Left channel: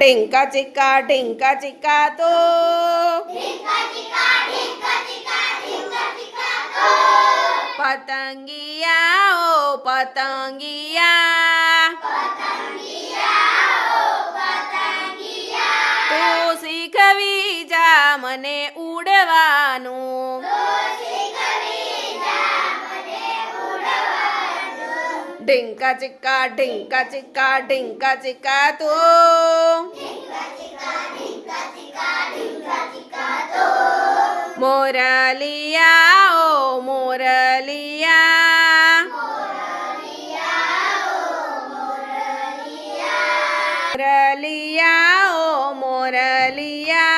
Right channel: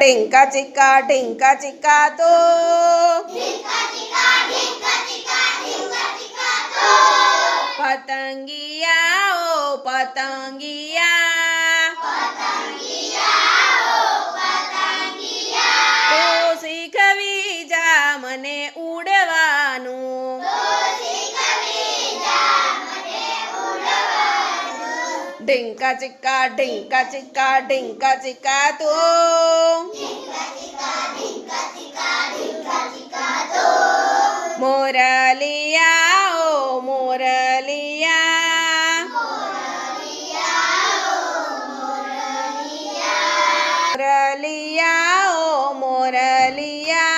ઢીંકા ચીકા તો પતંગિયા ઓ પતંગિયા તું શીખવી જા મને ઉડવાનું ઢીંકા ચીકા તો મોરલિયા ઓ મોરલિયા